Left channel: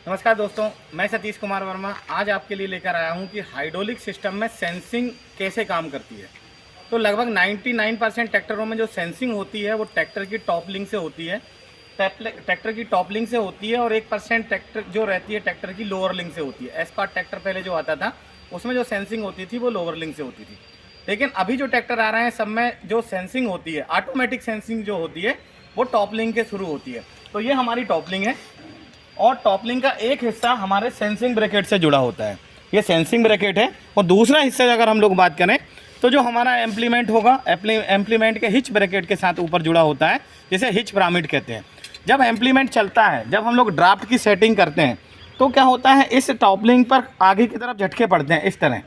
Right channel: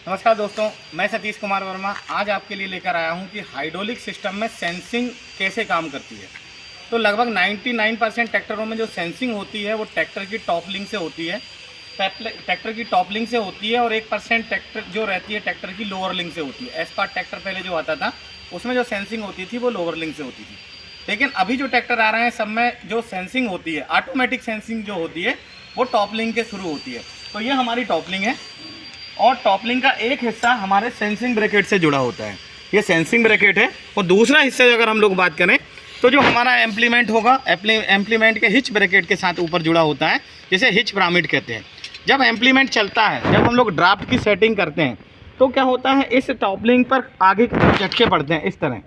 नमस्कार दोस्तों, मैं सतीश कुमार वर्मा आज आपके लिए लेकर आया हूं कि हाइड्रोलिक सिस्टम में सेंसिंग कैसे काम करती है। तो लगभग 99% ट्रैक्टरों में जो सेंसिंग होती है वो ट्रैक्टर की टॉप लिंक से होती है, ट्रैक्टर की टॉप लिंक से होती है और 1% ट्रैक्टर जो रहती है ट्रैक्टर की लोअर लिंक से होती है। एस्पार्ट ट्रैक्टर पहले जो आता था उसमें जो सेंसिंग होती थी वो लोअर लिंक से होती थी, लेकिन अभी जो ट्रैक्टर आ रहे हैं सब में जो सेंसिंग होती है, ऑटोमेटिक सेंसिंग जो होती है वो टॉप लिंक के शुरू होती है। तो ये हमारी टॉप लिंक है और टॉप लिंक का एक हिस्सा हमारे सेंसिंग ब्रैकेट से जुड़ा होता है, ये सेंसिंग ब्रैकेट है। और दूसरा हिस्सा अगर हम लोग बात करें तो जो हमारा एम्प्लीमेंट होगा, एम्प्लीमेंट के हिच ब्रैकेट के साथ ऊपर जुड़ा होता है, जिसे हिच पिरामिड कहते हैं। जब एम्प्लीमेंट चलता है, जब हम लोग ड्राफ्ट की सेटिंग करते हैं तो क्या होता है, इस टॉप लिंक पर आगे की तरफ झटके पड़ते हैं, इस तरह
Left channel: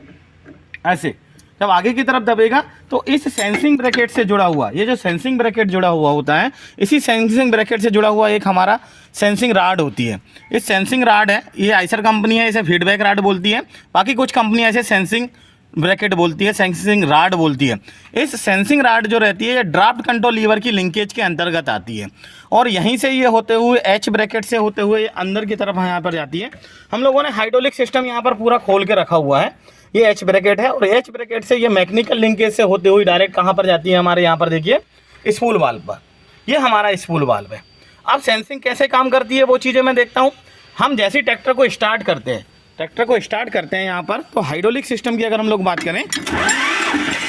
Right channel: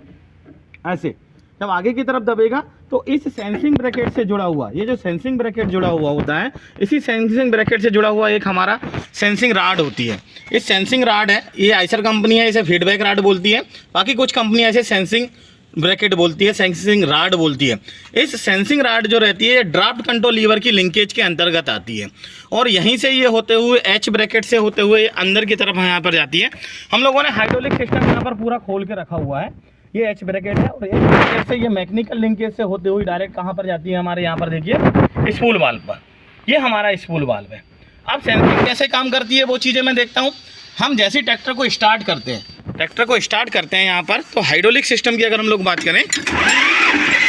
ऐसे। जब आगे की तरफ दबेगा तो इस सेंसिंग ब्रैकेट से जुड़ा हुआ, ये जो सेंसिंग ब्रैकेट जुड़ा हुआ होता है, इसी सेंसिंग ब्रैकेट से जुड़ा हुआ एक हमारा सेंसिंग राड होती है। इस सेंसिंग राड है, ये आइसर कंपनी है, इसे फीडबैक राड बोलती है। बाकी कुछ कंपनियां ऐसे सेंसिंग ब्रैकेट बोलती है, सेंसिंग राड बोलती है। इस सेंसिंग राड जो रहती है ये ड्राफ्ट कंट्रोल लीवर की लिंकेज के अंतर्गत आती है और यहीं से ये होते हुए एच ब्रैकेट से होते हुए अंदर की तरफ यहाँ पर जाती है। हम लोगों ने हाइड्रोलिक सिस्टम यहाँ पर पूरा खोल के रखा हुआ है। ये एच ब्रैकेट है और एच ब्रैकेट से ये मैकेनिकल लिंकेज से होते हुए डायरेक्ट कहाँ पर जाती है, हमारे यहाँ पर देखिए स्पूल वाल्व पर। ये हमारा स्पूल वाल्व है। अब सेंसिंग कैसे काम करती है वो चीज़ें मैं देखता हूँ। हम जैसे ट्रैक्टर को स्टार्ट करते हैं यहाँ पर, तो हाइड्रोलिक सिस्टम की अगर हम लोग बात करें,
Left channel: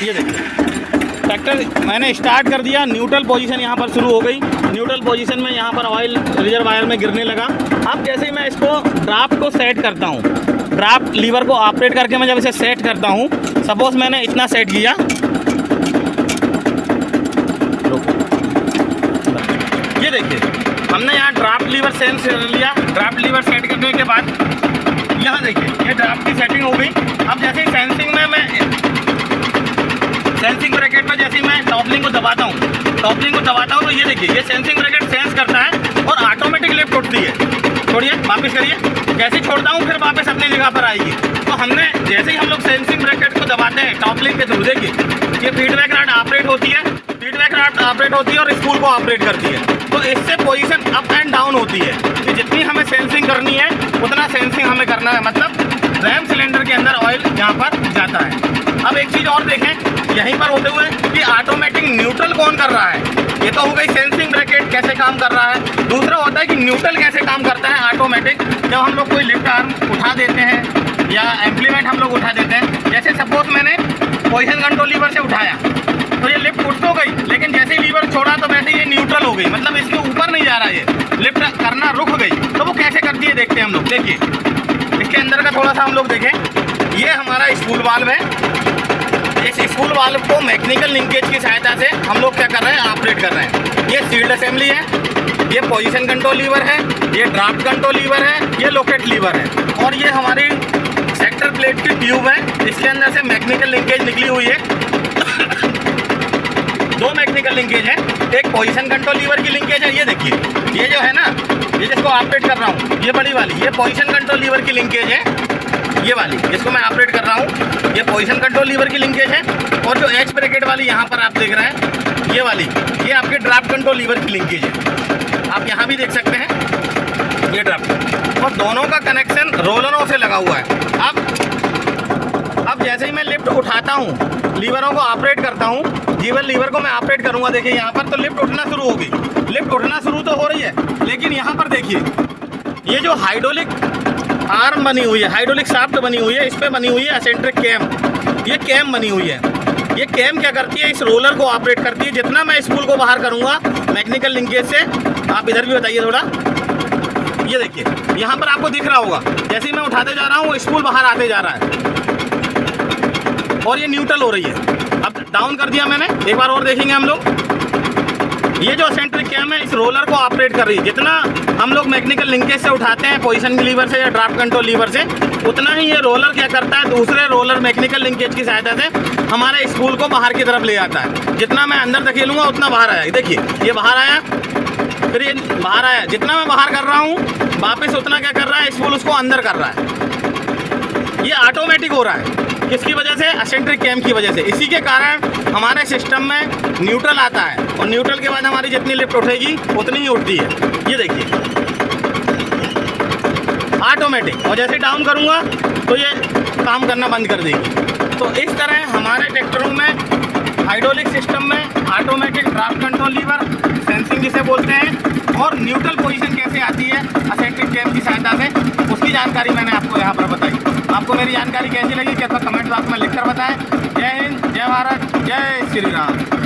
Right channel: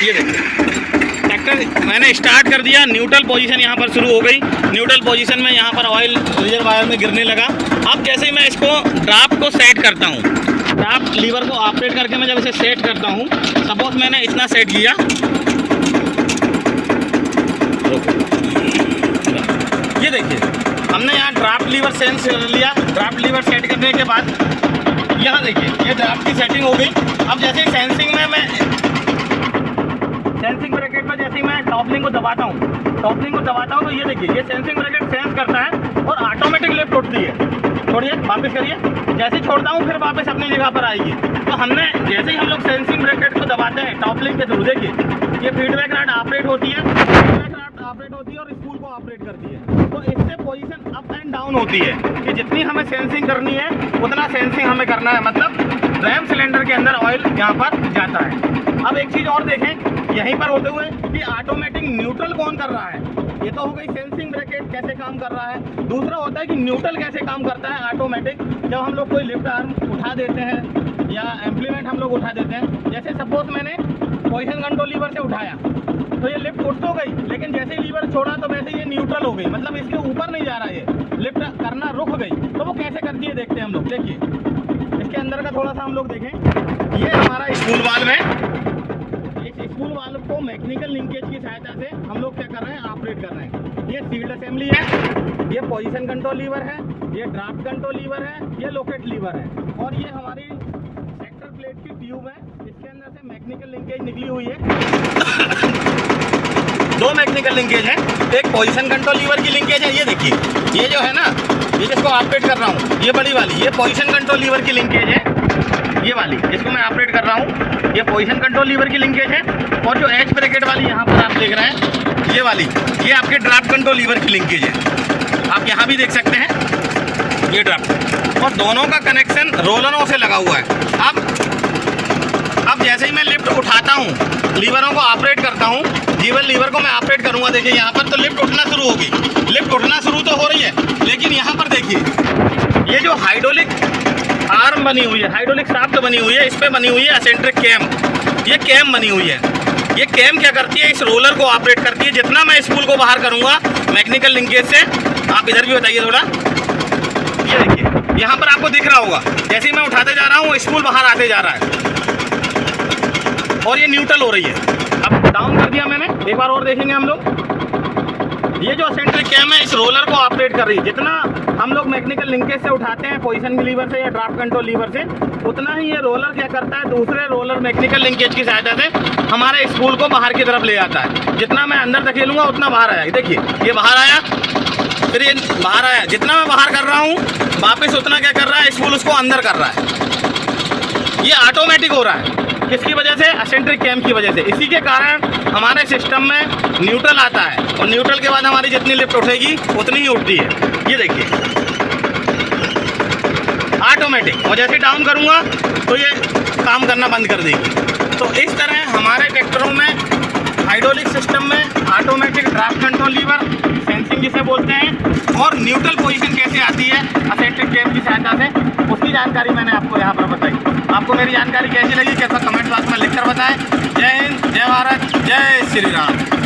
ये देखिए ट्रैक्टर मैंने स्टार्ट कर दिया, न्यूट्रल पोजीशन यहाँ पर शुरू हो गई। न्यूट्रल पोजीशन में यहाँ पर ऑयल रिजर्वायर में गिरने लगा। अब जैसे ही मैं इसको ड्राफ्ट को सेट करता हूँ, ड्राफ्ट लीवर को ऑपरेट करके मैं जब इसे सेट करता हूँ, सपोज मैंने इतना सेट किया, ये देखिए हमने यहाँ ड्राफ्ट लीवर सेंस कर लिया। ड्राफ्ट लीवर सेट करने के बाद यहाँ देखिए ये ड्राफ्ट की सेटिंग हो गई। अब जैसे ही सेंसिंग में मैं सेंसिंग ब्रैकेट में जैसे ही मैं टॉप लिंक को दबाता हूँ तो ये देखिए ये सेंसिंग ब्रैकेट सेंस करता है और ऑटोमेटिक लिफ्ट उठती है। छोड़िए, वापस करिए, जैसे ही छोड़ता हूँ फिर वापस अपनी जगह पर आएगी। तो हमने जैसे ही हम लोग सेंसिंग ब्रैकेट को दबाते हैं टॉप लिंक के थ्रू, देखिए ये फीडबैक राड ऑपरेट होती है, और स्पूल को ऑपरेट करती है। तो इससे पोजीशन अप एंड डाउन होती है कि जितनी हमें सेंसिंग करनी है उतना सेंसिंग हमें करना है, मतलब रैम सिलेंडर के अंदर ऑयल यहाँ पर जाता है। अब एक चीज़ और देखें यहीं पर होते हुए कि ऑटोमेटिक न्यूट्रल कौन कर रहा है। ये तो हो गई सेंसिंग ब्रैकेट कैसे काम कर रहा है। दूसरा होता है कि न्यूट्रल कैसे काम करता है ऑटोमेटिक। जब हम लोग कोई लिफ्ट आर्म उठा देते हैं या एम्प्लीमेंट हम लोग उठा देते हैं, जैसे सपोज मैंने पोजीशन कंट्रोल लीवर से उठाया तो ये लिफ्ट उठ तो गई, लेकिन जैसे ही लीवर छोड़ा तो वैसे ये न्यूट्रल हो गई, मतलब इसके ऊपर नहीं जा रहा है, ये लिफ्ट करना रुक गई। तो वो कैसे करती है देखते हैं हम लोग। देखिए इसके अंदर का थोड़ा सा हम लोग देखें, ये हमारा स्पूल वाल्व है। इस स्पूल वाल्व को मैकेनिकल लिंकेज की सहायता से हम लोग क्या कर रहे हैं, ऑपरेट कर रहे हैं। ये सील्ड असेंबली है, ये पोजीशन कंट्रोल लीवर है, ये ड्राफ्ट कंट्रोल लीवर है, ये लोकेट लीवर है और ये हमारी सेक्टर प्लेट की ट्यूब है। इसके अंदर से मैकेनिकल लिंकेज निकली हुई है। दो मैकेनिकल लिंकेज है, एक पोजीशन कंट्रोल लीवर की लिंकेज है। ये देखिए ये जो है ना, ये जिसको ऑपरेट कर रहा हूँ, ये बड़ी वाली, ये पोजीशन कंट्रोल लीवर की लिंकेज है। ये वाली जिसको मैं ऑपरेट कर रहा हूँ, ये पोजीशन कंट्रोल लीवर की लिंकेज है। और जो एच ब्रैकेट वाली यहाँ पर आप देख रहे हैं, ये वाली, ये आपके ड्राफ्ट कंट्रोल लीवर की लिंकेज है। आप यहाँ भी देख सकते हैं ये ड्राफ्ट, और दोनों का कनेक्शन रोलरों से लगा हुआ है। अब जैसे ही मैं लिफ्ट उठाता हूँ, लीवरों को ऑपरेट करता हूँ, लीवर को मैं ऑपरेट करूँगा, देखिए यहाँ पर तो लिफ्ट उठना शुरू होगी। लिफ्ट उठना शुरू तो हो रही है, लेकिन यहाँ पर देखिए ये जो हाइड्रोलिक आर्म बनी हुई है, हाइड्रोलिक शाफ्ट बनी हुई है, इस पर बनी हुई है एसेंट्रिक कैम। ये कैम बनी हुई है। ये कैम क्या करती है, इस रोलर को ऑपरेट करती है। जितना मैं स्पूल को बाहर करूँगा मैकेनिकल लिंकेज से, आप इधर भी बताइए थोड़ा, ये देखिए यहाँ पर आपको दिख रहा होगा, जैसे ही मैं उठाते जा रहा हूँ स्पूल बाहर आते जा रहा है और ये न्यूट्रल हो रही है। अब डाउन कर दिया मैंने, एक बार और देखेंगे हम लोग। ये जो सेंट्रिक कैम है इस रोलर को ऑपरेट कर रही है। जितना हम लोग मैकेनिकल लिंकेज से उठाते हैं पोजीशन लीवर से या ड्राफ्ट कंट्रोल लीवर से, उतना ही ये रोलर क्या करता है, दूसरे रोलर मैकेनिकल लिंकेज की सहायता से हमारे स्पूल को बाहर की तरफ ले आता है। जितना मैं अंदर धकेलूंगा उतना बाहर आया। देखिए ये बाहर आया, फिर ये बाहर आया। जितना मैं बाहर कर रहा हूँ वापस उतना क्या कर रहा है, स्पूल उसको अंदर कर रहा है। ये ऑटोमेटिक हो रहा है, किसकी वजह से, एसेंट्रिक कैम की वजह से। इसी के कारण हमारे सिस्टम में न्यूट्रल आता है और न्यूट्रल के बाद हमारी जितनी लिफ्ट उठेगी उतनी ही उठती है। ये देखिए ऑटोमेटिक, और जैसे डाउन करूँगा तो ये काम करना बंद कर देगी। तो इस तरह हमारे ट्रैक्टरों में हाइड्रोलिक सिस्टम में automatic draft control lever, sensing जिसे बोलते हैं, और न्यूट्रल पोजीशन कैसे आती है असिस्टेड कैम की सहायता से, उसकी जानकारी मैंने आपको यहाँ पर बताई। आपको मेरी जानकारी कैसी लगी, कैसा कमेंट बॉक्स में लिखकर बताएं। जय हिंद, जय भारत, जय श्री राम।